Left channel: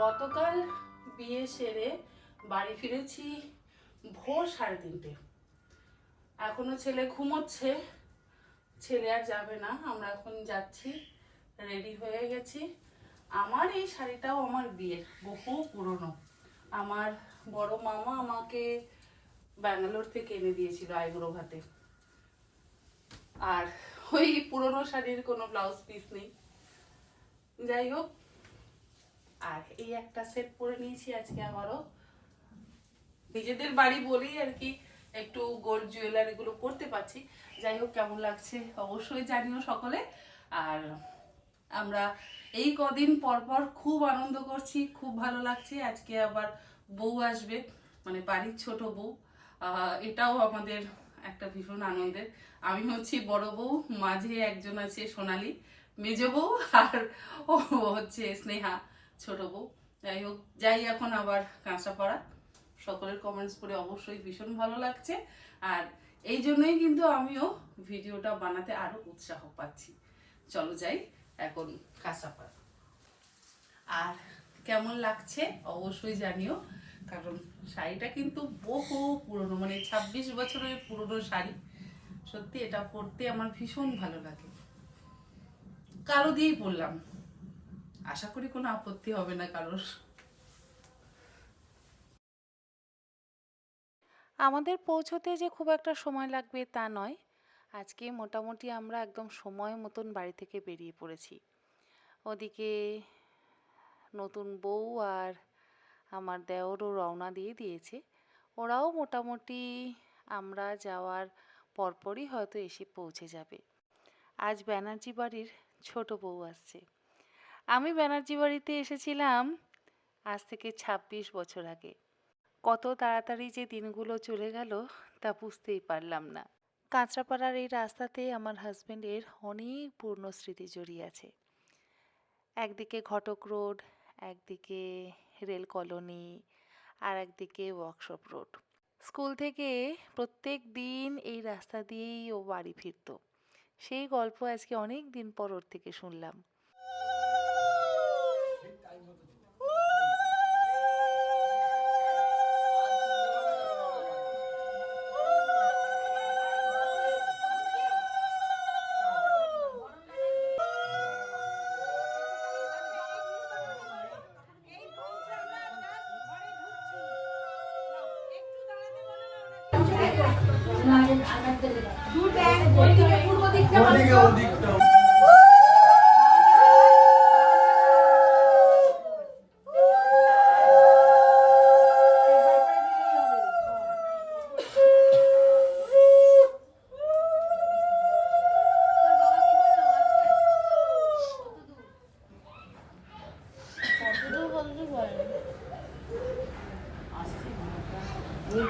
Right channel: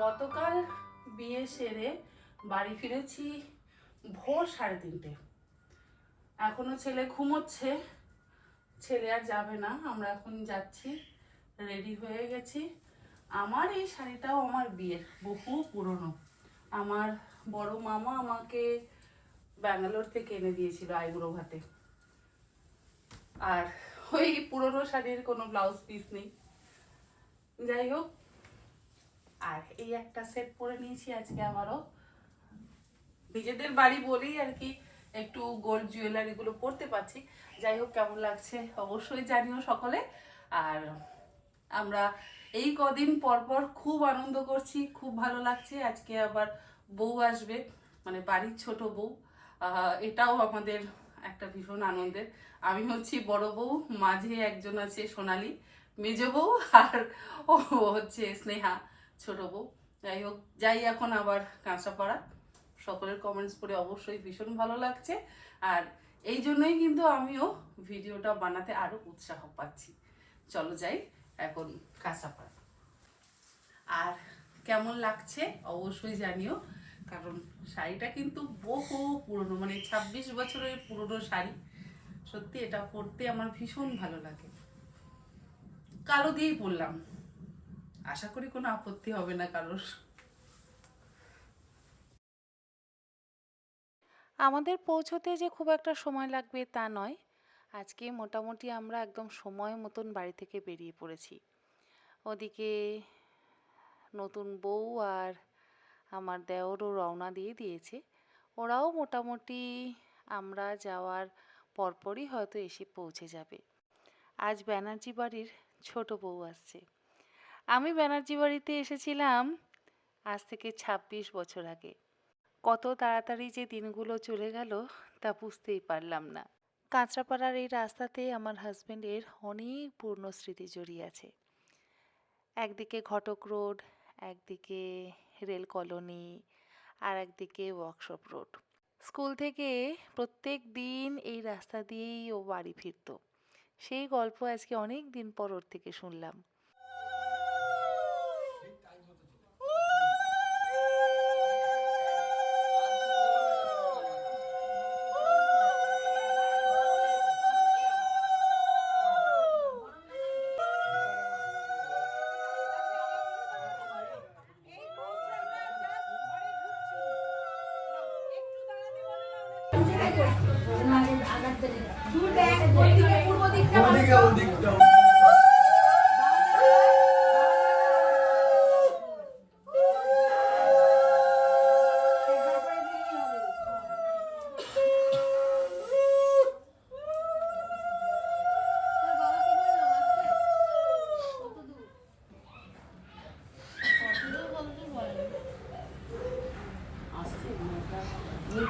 গতকাল বিয়ে সেরে বাড়ি ফিরেছি ভোর 3:30। এখনো ছেলে ঘুমোচ্ছে, ছেলে আর যাবে না, আমরা এখন যাচ্ছি, রেডি হয়ে গেছি। আমার এই শাড়িটাও আমার বিয়ের, বহু পুরনো। আমার বড় মামা আমাকে ব্যাঙ্গালোর থেকে এনে দিয়েছিল আইবুড়ো ভাতে। আর ওই পুরনো শাড়ির কোনো ব্লাউজ পিস নেই, যাই হোক। আর এই একটা সেট পরে নিয়েছি আজকে আবারও। নিজেদের বাড়ি বলেই আর কি একটু গোল্ড জুয়েলারি গুলো পরতে পারছি। যাই হোক, কেমন লাগছে অবশ্যই জানিও সকলে। আর আমরা এই কদিন পর পর খুব আনন্দ করছি, খুব ভালো লাগছে। আজকে আবার বউ আসবে, মানে বাড়ির ছোট বউ। এটাও আমাদের একটা ভীষণ আনন্দের। আমি হচ্ছি বড় বউ, মাঝে একজন আছে সোনালি মেজ বউ, আর ও হচ্ছে স্নেহা ছোট বউ। যাই হোক, যাই এখন আবার কাঁচরাপাড়া। সকলের কমেন্টস পড়ে অবশ্যই ভীষণ ভালো লাগছে। আর এই জন্যই কিন্তু আমিও ভিডিওটা বানাতে আরো উৎসাহ পাচ্ছি। চলো যাই এখন কাঁচরাপাড়া। আর কেমন লাগছে অবশ্যই জানিও, কারণ শাড়িটা কিন্তু বহু পুরনো, মানে 26 বছরের পুরনো শাড়ি। সত্যি এটা পরতে আমার ভীষণ ভালো লাগে। কালো দিয়েই পরলাম, আশা করি কোনো আপত্তি হবে না কারোর। আমাদের পৌঁছতে যে খুব একটা সময় লাগবে তা নয়। আজকে মোটামুটি আমরা একদম সময় মতন বাড়ি থেকে বেরিয়ে পড়েছি। ওদিকে নতুন বউ আর আমার দেওরও রওনা দিয়ে দিয়েছে। ওরাও মোটামুটি আমরা যাওয়ার পরপরই হয়তো এসে পৌঁছে যাবে। আজ ব্যানার্জি বাড়ির ছোট বউ আসছে। আমি ব্যানার্জি বাড়িতে এসেছিলাম আজ থেকে 26 বছর আগে। কত তাড়াতাড়ি যে দিনগুলো চলে গেল তা বুঝতেই পারলাম না। কাঁচরাপাড়ার এই রাস্তাতে আমার হাজবেন্ডের অনেক পূর্ণ স্মৃতি জড়িয়ে আছে। একদিকে ঘটক রোড, একদিকে রেল কলোনি, আর একদিকে ওয়ার্কশপ রোড। স্কুল থেকে প্রত্যেক দিন এই রাস্তা দিয়েই ও বাড়ি ফিরত। সেই গল্প আজকে অনেক দিন পর ওর থেকে শুনলাম।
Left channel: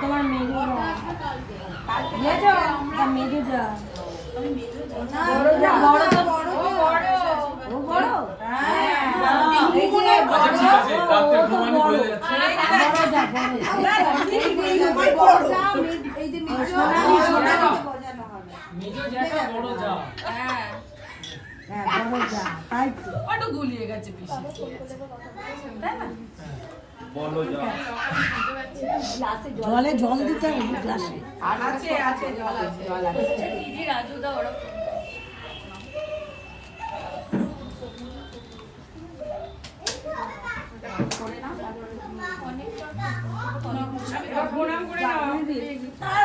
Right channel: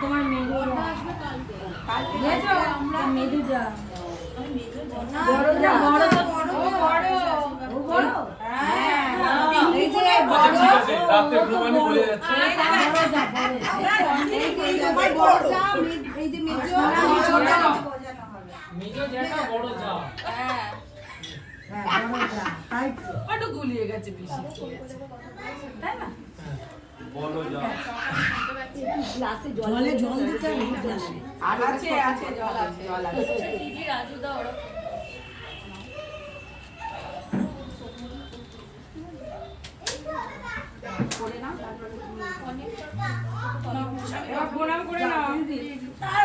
তোমার মেয়ে মেয়ে যা বড় বড় বড় গুলিয়ে গেছে বেশি, তাই না? জলে জল দিতে হবে গ্লাসে। আছে আছে জল আছে। দিদি রাজু দা ওরা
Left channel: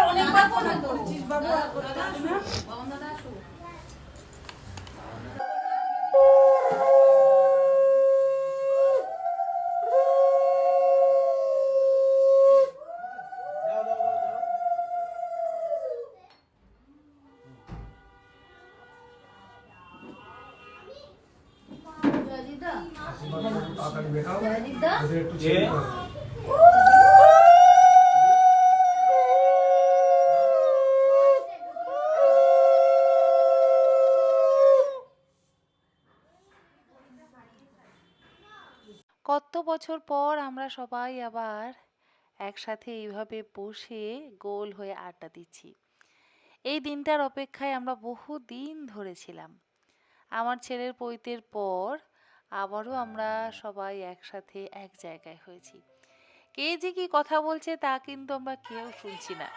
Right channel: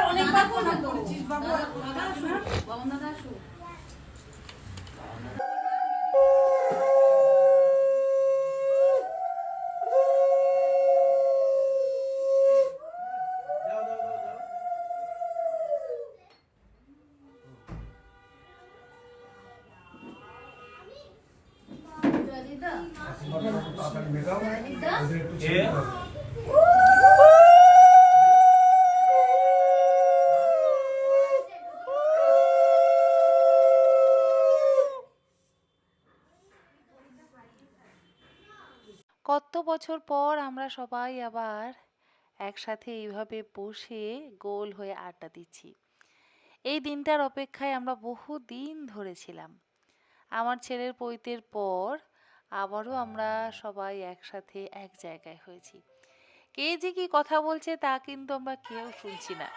অনেকবার ফোন করছিস বাবু। কত বছর পর আমরা সবাই আবার একসাথে এইভাবে বসে গোল হয়ে আড্ডা দিচ্ছি। এই দিনটার অপেক্ষায় আমরা বহু দিন ধরেছিলাম। আমার ছেলের পৈতের পর আবারও আমরা সবাই একসাথে এক জায়গায় হয়েছি। কে যে কি কথা বলছে তা কিন্তু আমরা কেউ শুনছি না।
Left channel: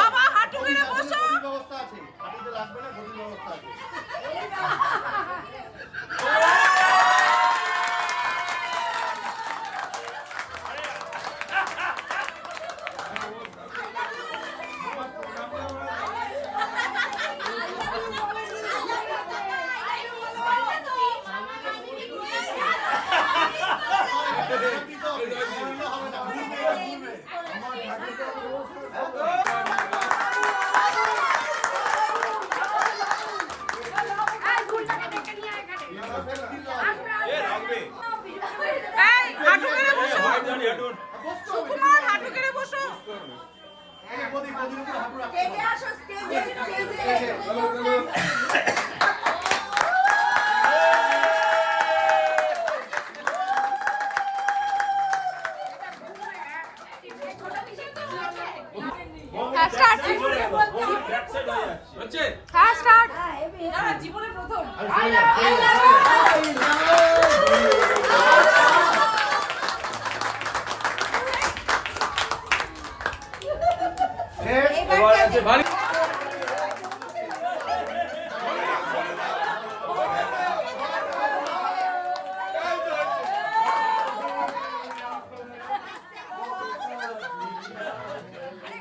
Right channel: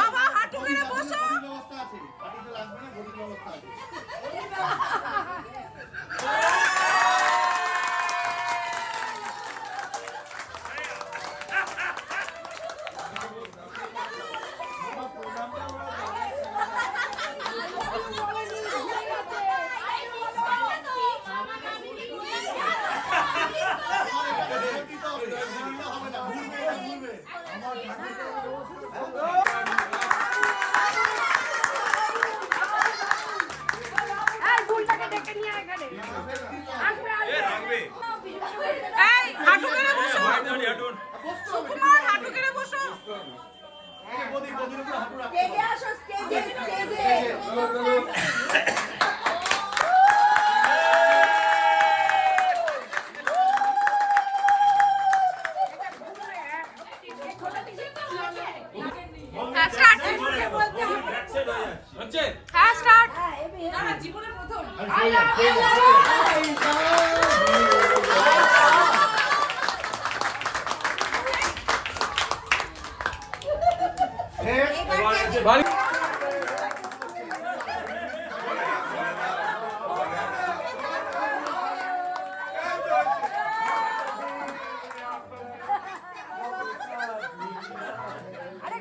বাবা হাঁটু গেড়ে বসো। ব্যবস্থা আছে, হাঁটুতে লাগবে না, গদির ব্যবস্থা আছে। হাঁটু গেড়ে বসো সুকুমার, হাঁটু গেড়ে বসো। গদির উপর হাঁটু রাখতে হবে। জীবনে প্রথম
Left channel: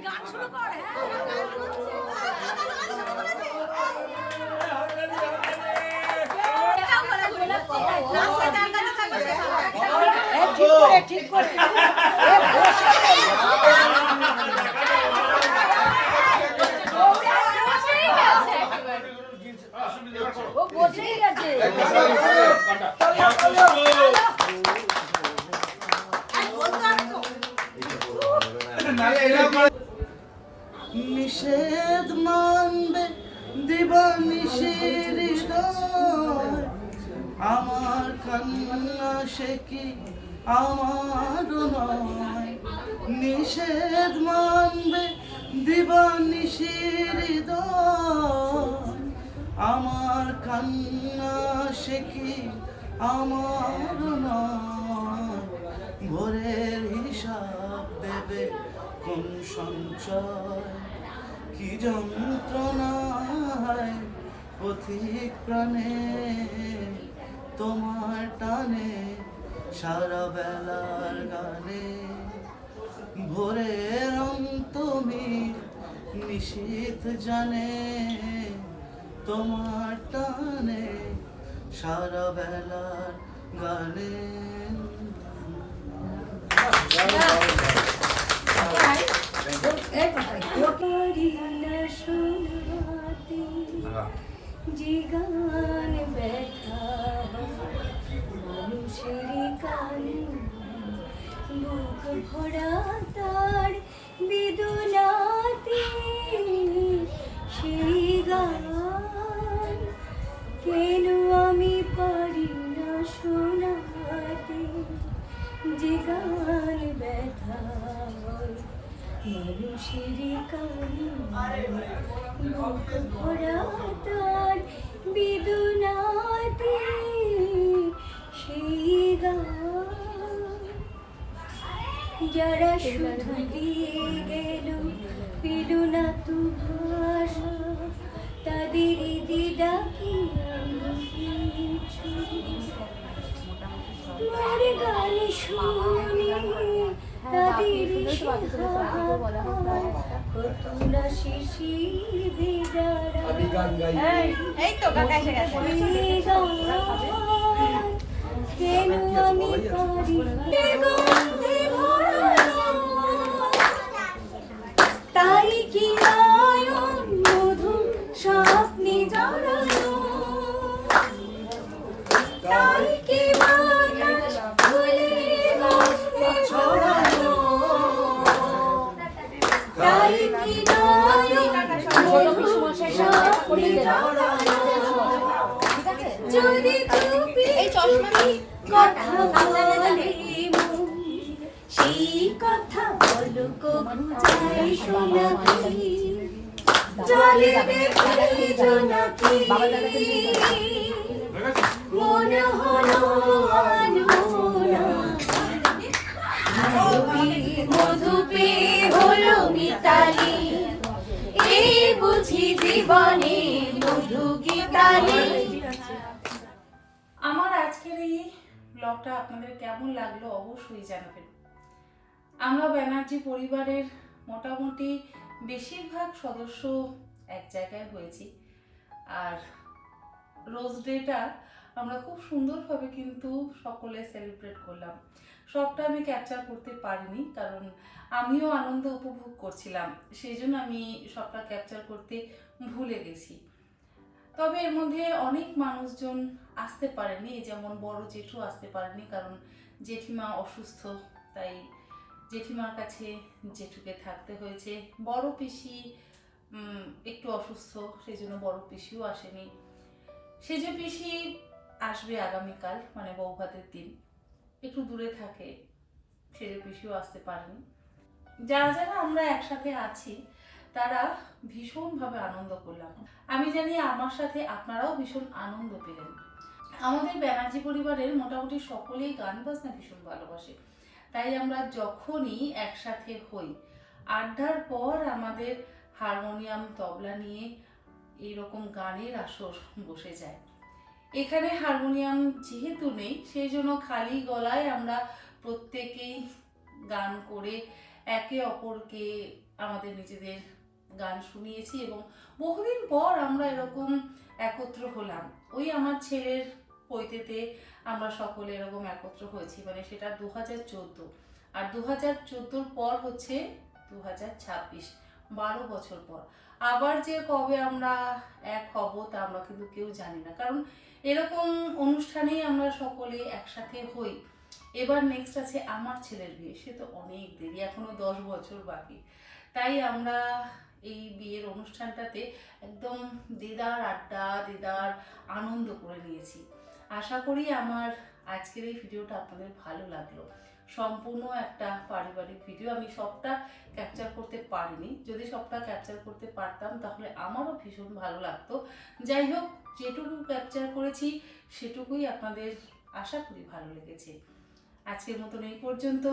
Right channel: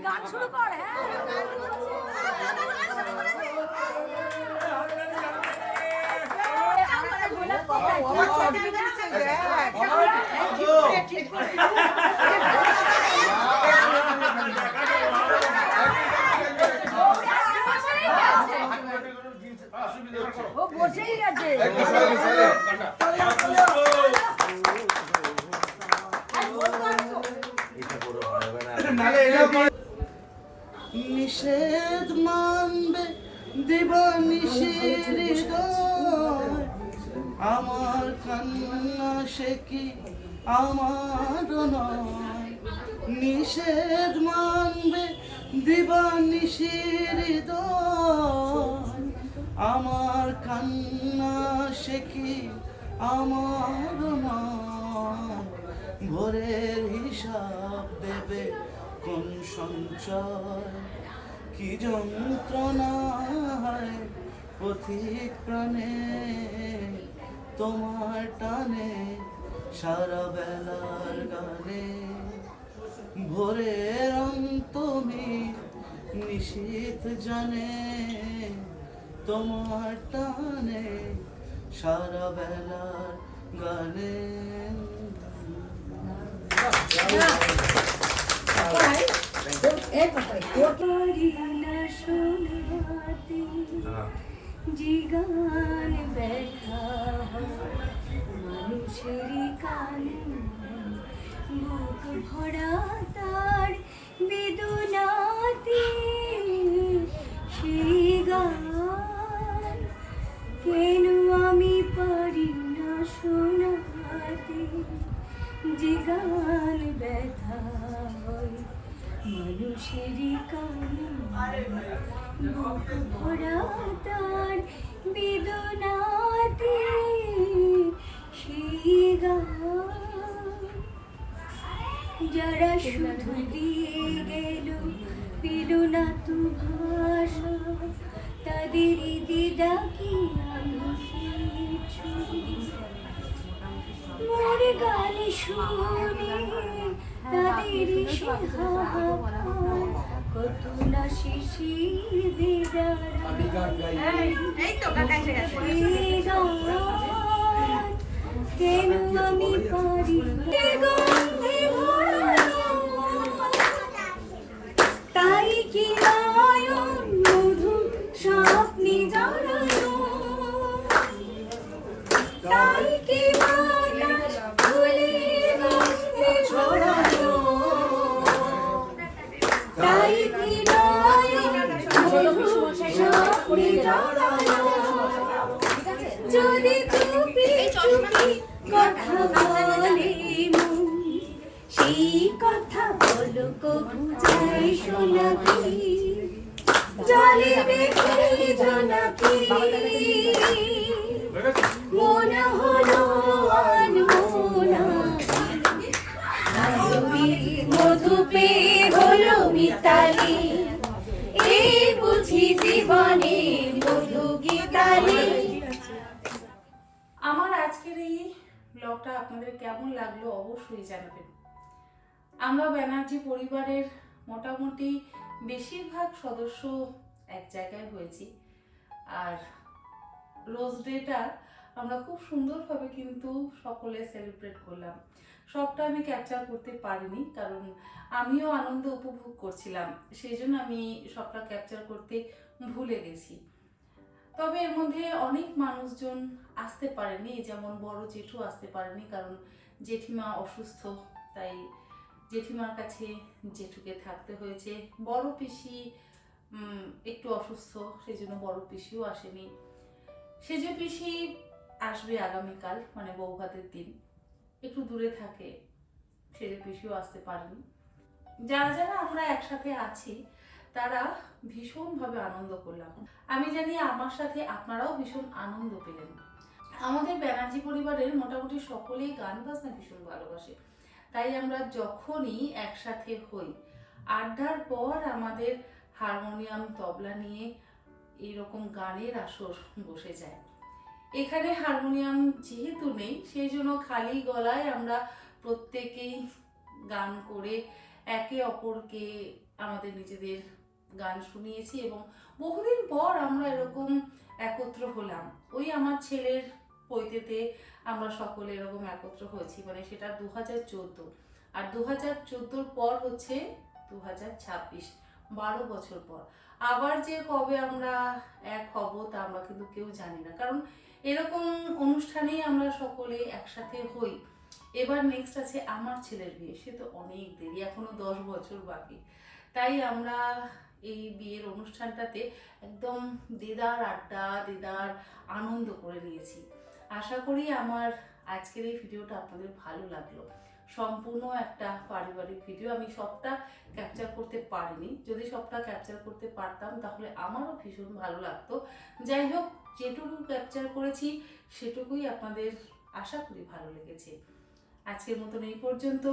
গান শুরু কর। ও বসেই গেছে। নিষেধ মানবে দিবানিশির হৃদয়, আমার কান্না সে কি আমার নয়। নিষেধ মানবে দিবানিশির হৃদয়, আমার কান্না সে কি আমার নয়। ভোরের হিসাব দেবে কোন সঞ্চয়, কি যন্ত্রণায় পথিক প্রাণে তোমার টানে সারা বেলার গানে। ভোরের তুমি নিশীথ জানে তোমার টানে সারা বেলার গানে। জিগান ব্যথা মানুষের কানে, বুক ভরা তার বেদনাতে সেই গান কেন আমি পারি না শোনাতে। জিগান ব্যথা মানুষের কানে, বুক ভরা তার বেদনাতে সেই গান যারা শুধু দিয়ে গেল পেল না তু ভাষা, তাদেরই দিদা কি আমি কিছু মোর গান শুনে তাদেরই সে হাহাকার, কত না শিশির বেদারায় কেন আমি পারি গন্ধে ভরানো, তাই কি নয়ন মধু স্বপ্নে জড়ানো, তাই কি বাতাস ফুলের গন্ধে ছড়ানো, তাই কি নয়ন মধু স্বপ্নে জড়ানো। যদি চুপি চুপি কথা বলে মন, সেই কথা বলো কবু যাই শোনাকি, জলে দেখে জোনাকি মন হলো আনমোনা, মধু পেয়ে হলো মিতালি, এই বুঝি জীবনে মধু গীতালি। আমার আজকের এই ব্লগটা আপনাদের কেমন লাগলো অবশ্যই জানাবেন। আমরা ব্যানার্জি পরিবারের মোটামুটি বেশিরভাগ সদস্য এক জায়গায় হয়েছি, আর রোজ ডেটা আমরা খুব সুন্দরভাবে কিন্তু সকলে সেলিব্রেট করলাম। সবটা আমি ক্যাপচার করতে পারিনি, কারণ আমিও আনন্দ উপভোগ করছিলাম, সেই জন্য আমি সবটা ক্যাপচার করতে ভুলে গেছি। তবে এর মধ্যে অনেক মানুষজন আসতে পারেনি, যেমন বড় জেঠু আসতে পারেনি, কারণ জেঠিমা অসুস্থ, তাই জেঠিমার কাছে জেঠুকে থাকতে হয়েছে। বড় পিসি একটু অসুস্থ, সেই জন্য বড় পিসিও আসেনি। সেজ পিসি আসবে আগামীকাল, মানে বৌভাতের দিন, একটু দূরে থাকে, সেজ পিসিও আসতে পারেনি। যারা যারা আমরা একসাথে আছি তারা ভীষণভাবে আনন্দ করলাম। আমি জানি আমার সাথে আপনারাও ভীষণ আনন্দ পেলেন। আমাদের ব্যানার্জি পরিবারের মোটামুটি সকলেই গান বাজনা ভীষণ ভালোবাসে, তাই আমরা যখনই একসাথে হই, আড্ডার পর আমাদের হারমোনিয়াম তবলা নিয়ে এইরকম গানের আসর বসে যায়। এখানে হারমোনিয়াম যেহেতু নেই, সেই জন্য খালি গলায় আমরা প্রত্যেকেই গান করে একে অপরকে আমাদের নিজেদের গান শুনিয়েছি, এবং বহুদিন পর আমরা এরকম একত্র হলাম। ওই আমার ছেলের পৈতেতে আমরা সকলে এরকম একত্র হয়েছি, মানে সেটা 2014, আর 2014 পর হচ্ছে 2026, 12 বছর পর। আবার যে কবে আমরা এক হব তা আমরা কিন্তু কেউ জানি না, কারণ এরকম অনুষ্ঠানেই আমরা সকলে একসাথে হই। এবার নেক্সট আছে আমার ছেলের বিয়ে, সে তো অনেক দেরি, এখনো 10 বছর বাকি। তাই আমরা এই বিয়ের অনুষ্ঠানটাতে একদম দেদার আড্ডা, দেদার আনন্দ করে নিয়েছি। আশা করি আমার আজকের এই ভিডিওটা আপনাদের ভালো লাগলো। সম্পূর্ণ একটা পারিবারিক ভিডিও, আমি সবটা ক্যাপচার করতে পারিনি। যদি সবটা ক্যাপচার করতে পারতাম তাহলে আমারও ভীষণ ভালো লাগতো। যাই হোক, যেটুকু ক্যাপচার করেছি সেটুকুই আপনাদের আশা করি ভালো লেগেছে। আজকের মতন এই পর্যন্ত।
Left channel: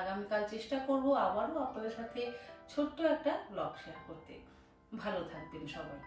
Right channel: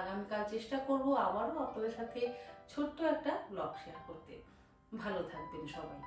আগামীকাল চেষ্টা করব আবারও আপনাদের সাথে ছোট্ট একটা ব্লগ শেয়ার করতে। ভালো থাকবেন সবাই।